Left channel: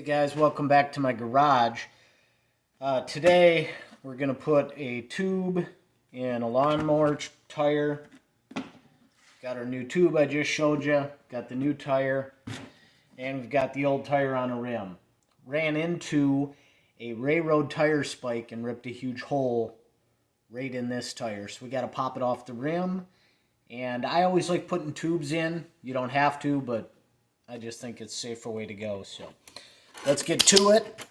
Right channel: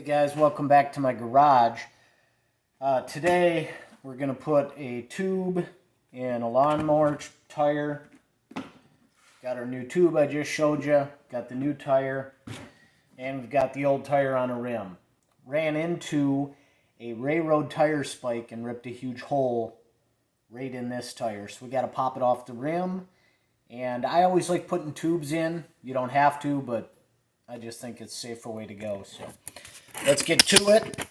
Hey guys, welcome back to my garage. Today we're going to put a tube in a lawnmower tire. Got our new tube I just showed you, got the new tire, and we've got the old tire on a rim. Ran into a railroad tire spike and ripped a huge hole right in this tire. So we got to pop it off the rim. And I always like putting tubes in. You don't have to, but I just think it's a safer way to go. So let's get to it.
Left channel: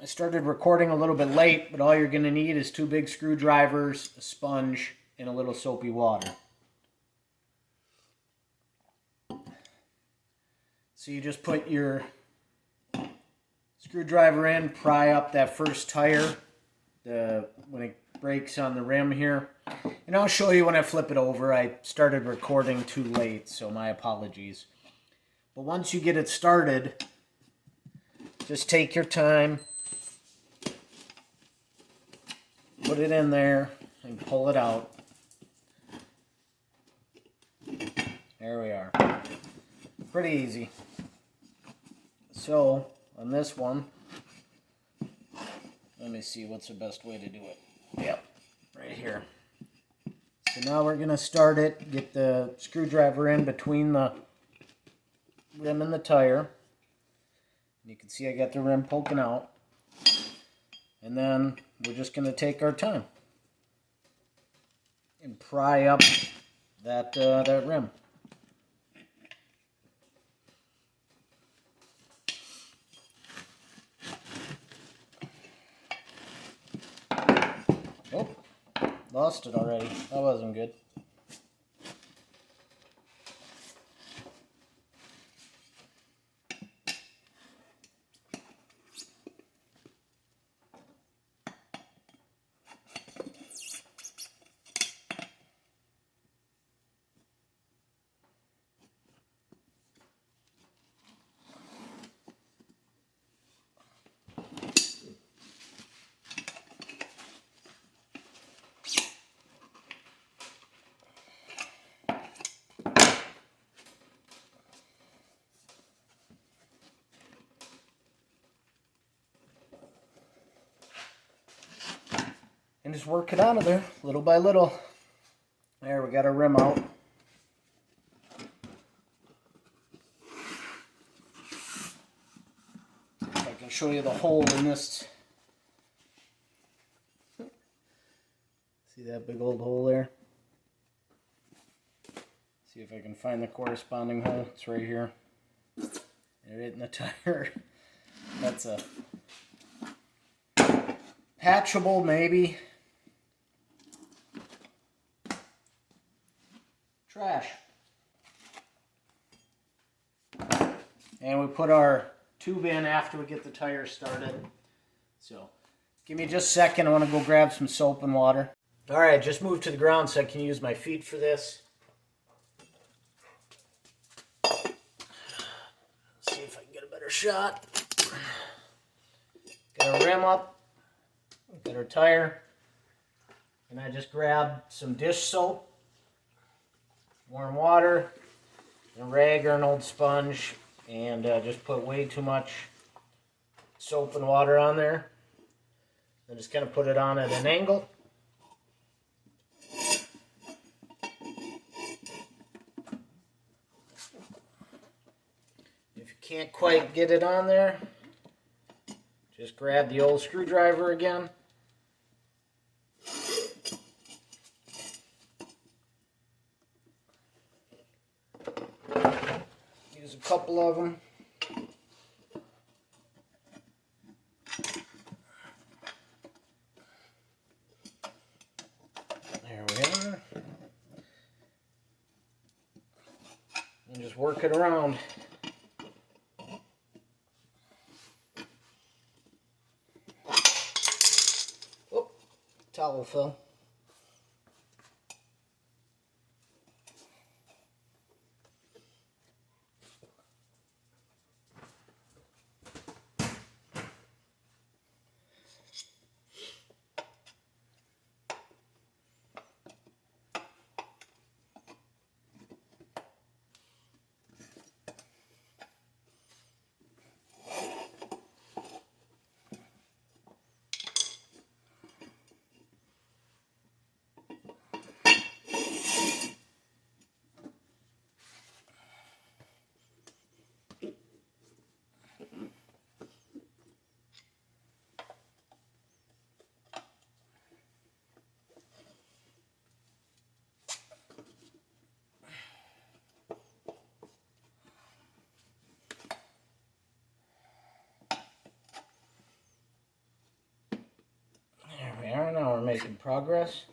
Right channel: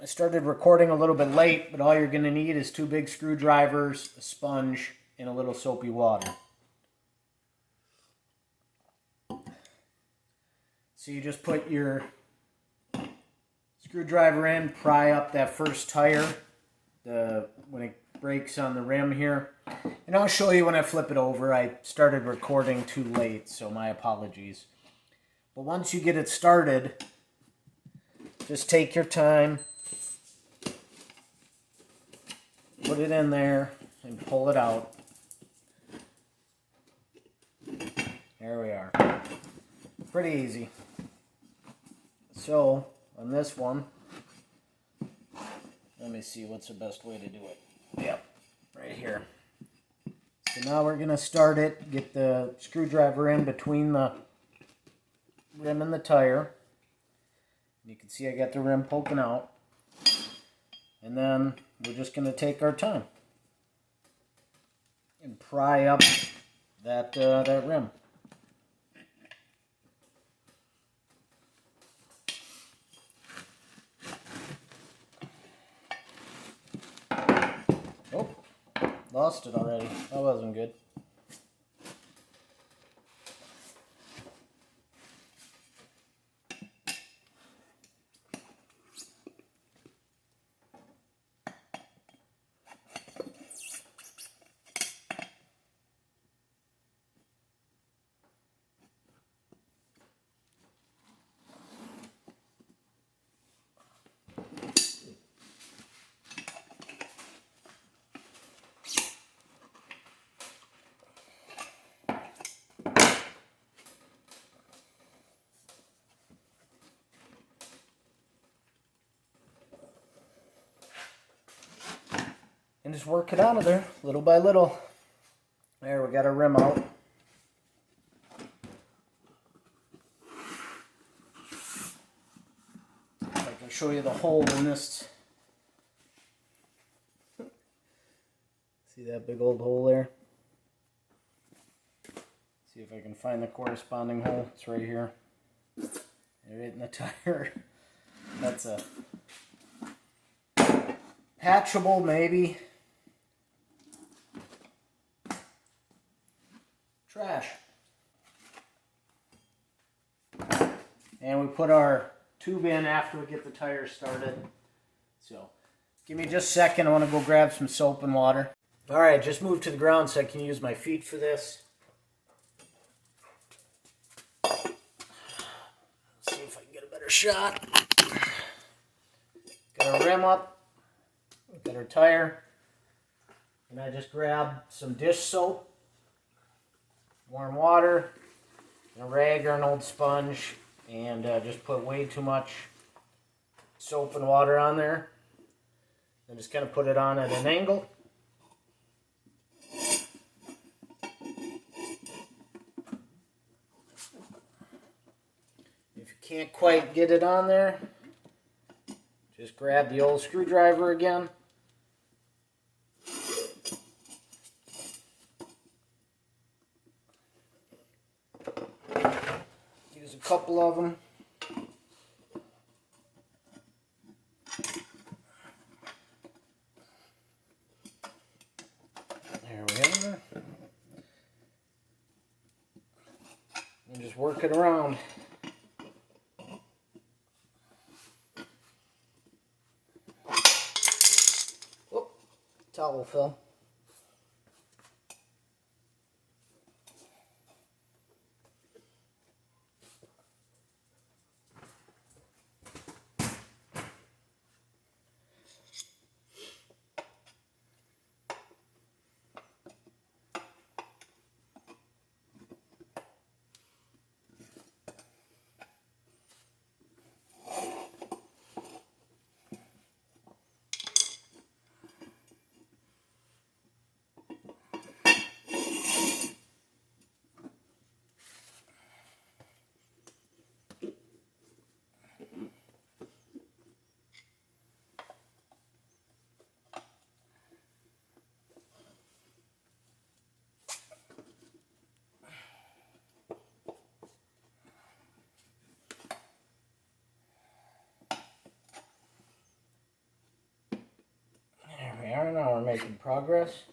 I started recording a little bit late, but all you're going to need is 2 big screwdrivers, a sponge, and a little soapy water. So you just put your screwdriver in, pry up that first tire when it breaks on the rim here. And I'll show you when I flip it over. I started recording too late, so my apologies. But once you get it started, just take your time, put it in there, and pull it out. There we are. Pretty easy. So, on this one, let me see what's the best way to do it. Yep, right here. So now we're going to start it, get the screwdriver in between the rim and the tire. You can see I got the rim poking out. And then we're just going to take our time and pry up that rim. Oh, lost it already. That wasn't good. And just work it out of there, little by little. There, we got our rim out. If I can show you the hole in this. See that big old hole there? See if I can find the corresponding hole. It's right here. Right in the tire. That's a patchable, maybe. Trash. And we put our tube in after we get the tire started. So, give me just a second. I want to go grab some soap and water. Alright, just moved to the ground so I can use my feet for this. See if I can get a better shot. Got our rim up. Got our tire. And I just grabbed some dish soap, warm water, a rag or an old sponge, and just put way too much soap and water on there. And just kind of put it on at an angle. If you can't quite get it on there, just grab the old screwdriver again. Use a couple of them. There we are. And just work it around. Oh, towel fell. making progress.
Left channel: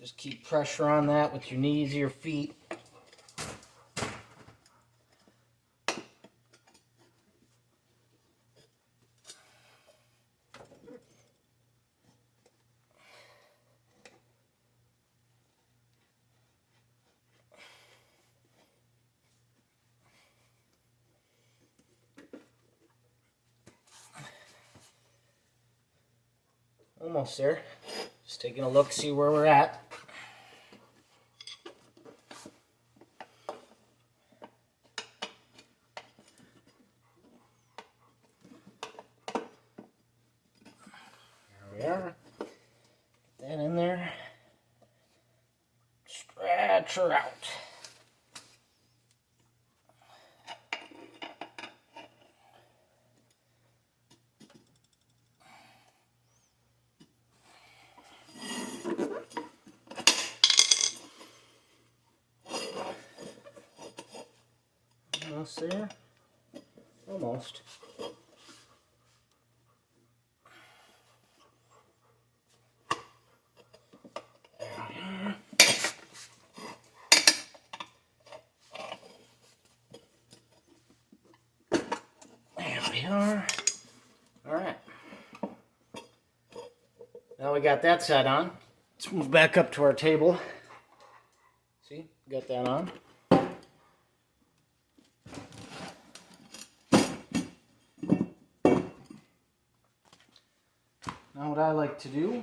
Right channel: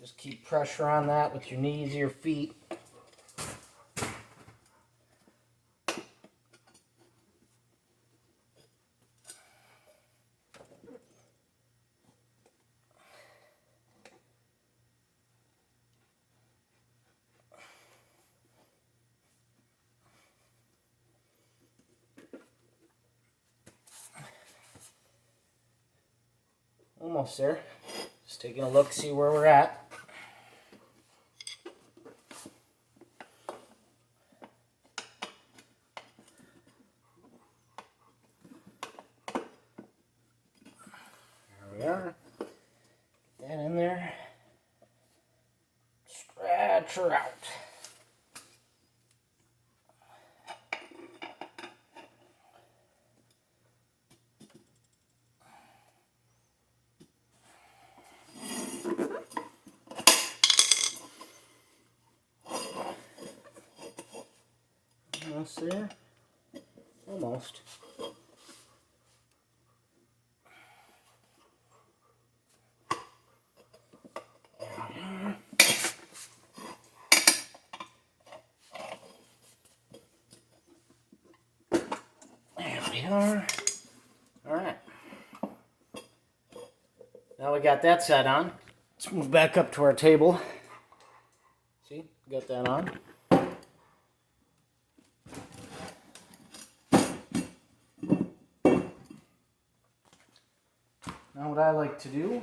Just keep pressure on that with your knees, your feet. Almost there. Just taking a look, see where we're at. There we are. Get that in there. Stretch her out. Almost there. Almost. There we are. Alright. Now we got that set on. Let's move back up to our table. See, got that on. Now what I like to do is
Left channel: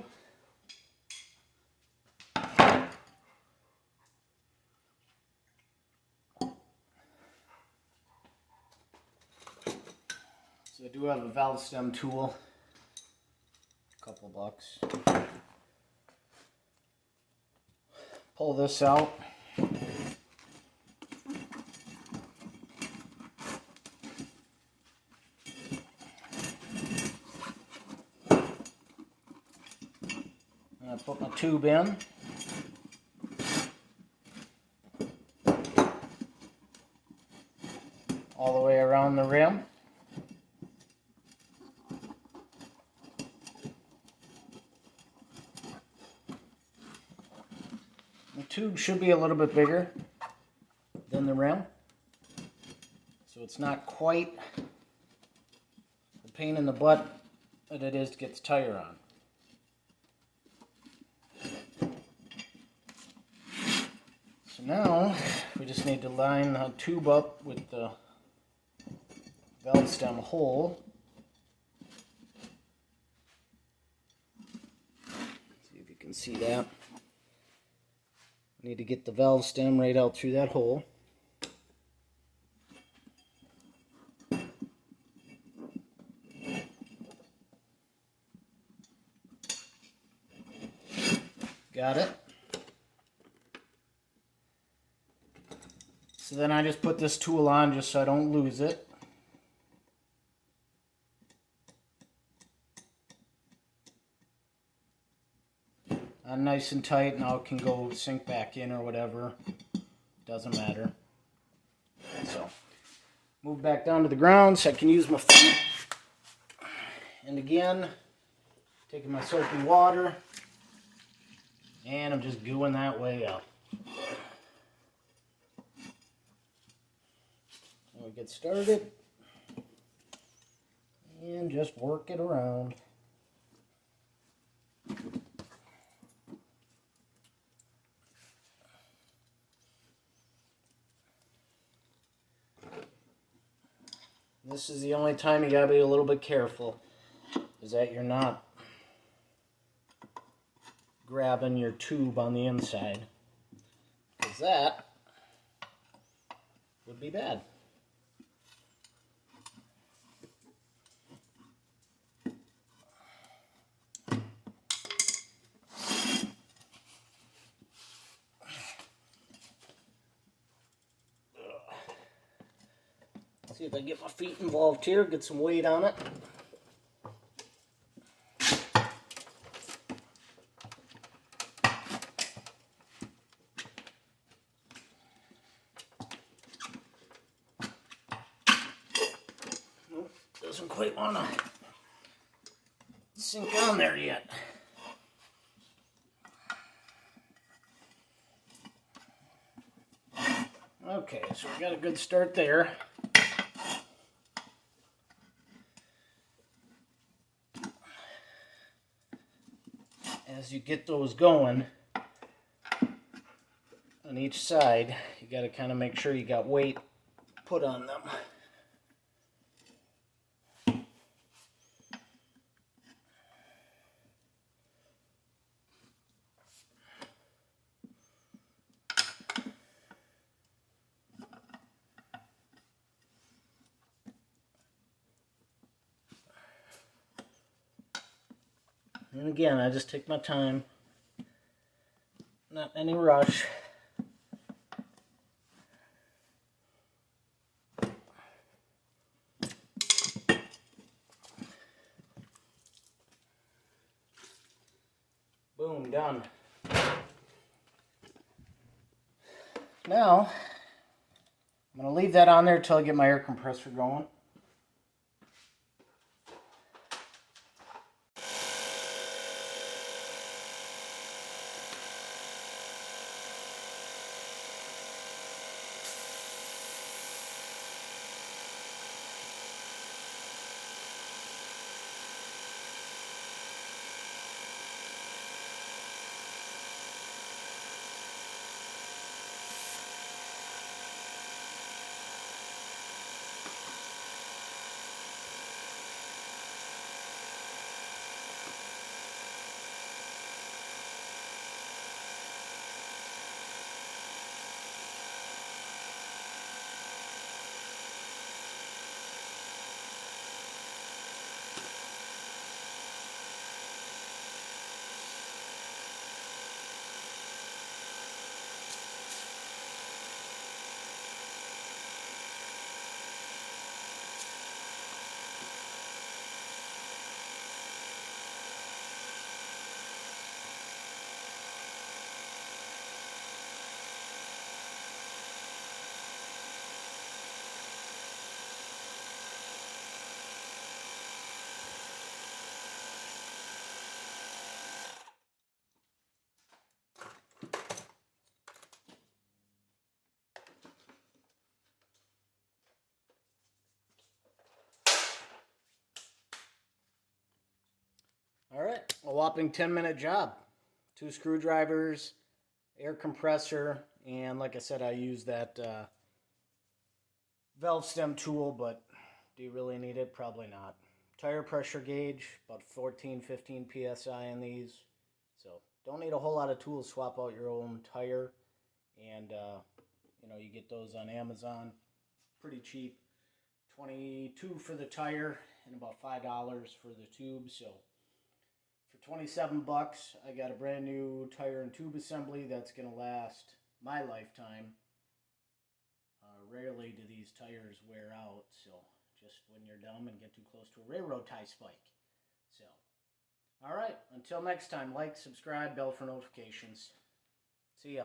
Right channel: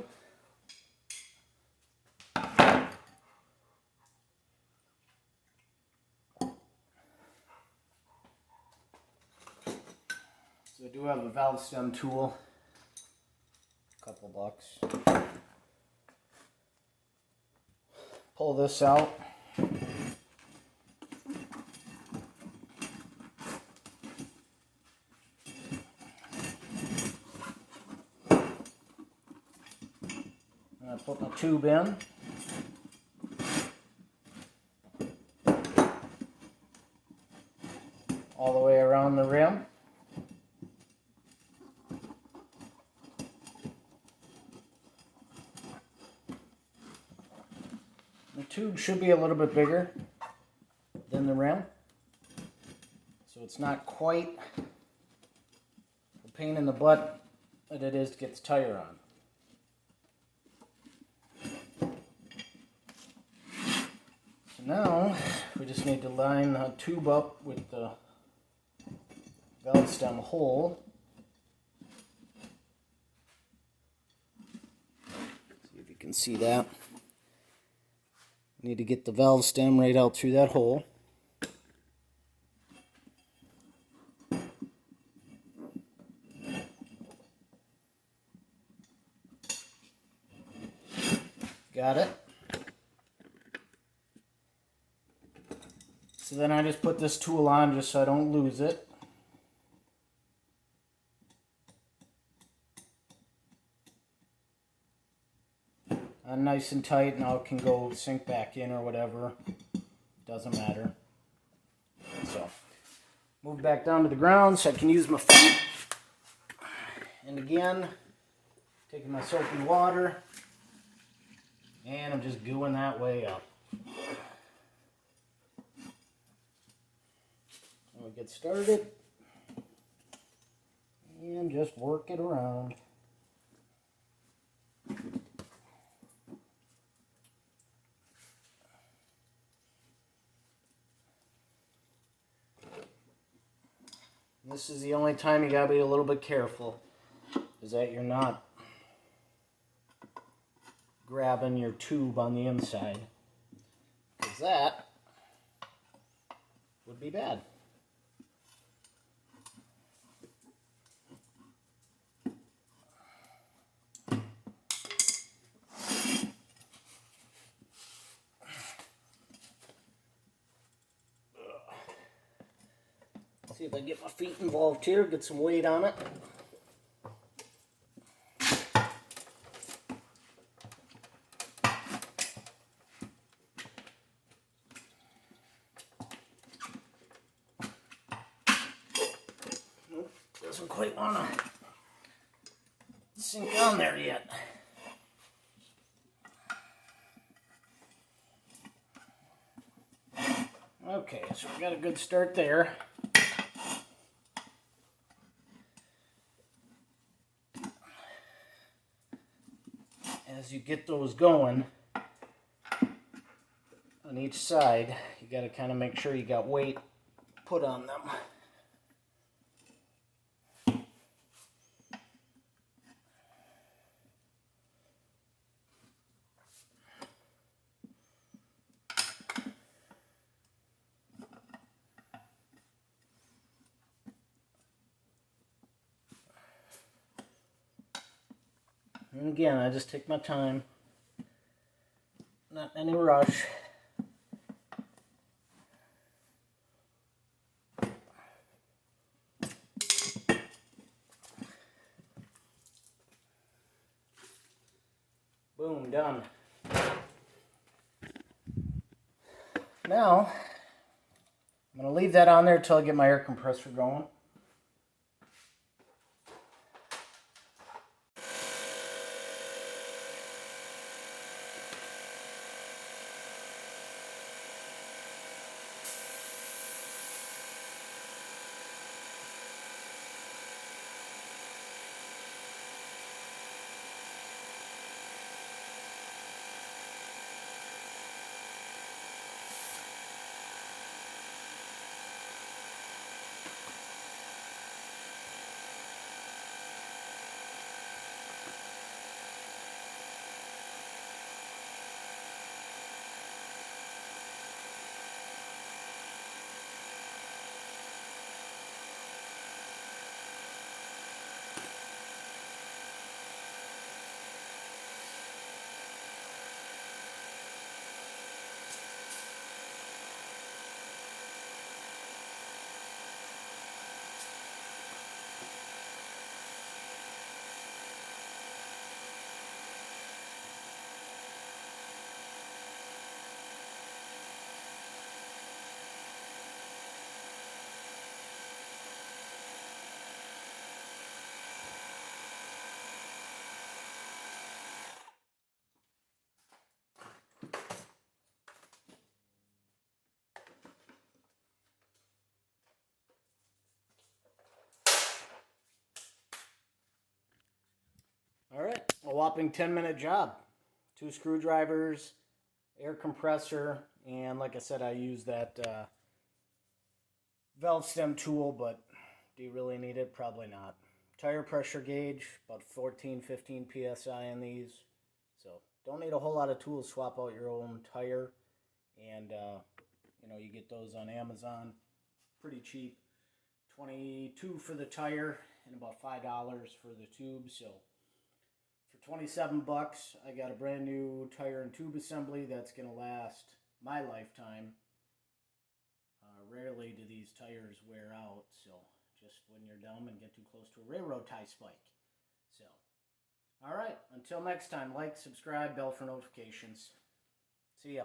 I do have a valve stem tool, a couple bucks. Pull this out. I put my tube in. All the way around the rim. The tube should be a little bit bigger than the rim, so it's not quite a pain in the butt that it is to get the tire on. So now we just need to line the tube up with the valve stem hole. See if you can see that. Need to get the valve stem right out through that hole. Got it. So then I just put this tool on just so I don't lose it. Nice and tight, now it can go sink back in or whatever. Doesn't matter. So, move back down to the ground so I can use my feet. And again, taking my soapy water, and I'm just gooing that way up. And we get started, and just work it around. This is the only time you gotta be a little bit careful, is that you're not grabbing your tube on the inside, because that would be bad. See if I can get my feet involved here, get some weight on it. Nope, doesn't quite want to sink on there yet. Okay, so we got a good start there. As you get those going on each side, you got to kind of make sure you got weight put on them. And again, I just take my time, not any rush. Boom, done. Now, I'm going to leave that on there until I get my air compressor going. All right, a whopping 10-minute job. 2 screwdrivers, air compressor, and like I said, I use that valve stem tool, but do you really need it? Probably not. Tire pressure gauge, about 14, 15 PSI in these. So don't need a whole lot of tools. Swap out your own tire, and you know, you get those on Amazon pretty cheap. $22 for the tire and about $5 for the tube. So for 27 bucks, I got a brand new tire and tube assembly that's going to last my lifetime. Rarely do these tires wear out, so just when you're dumb and get too close to a railroad tie spike. So, all right, until next time, like, subscribe, bell for notifications. See ya.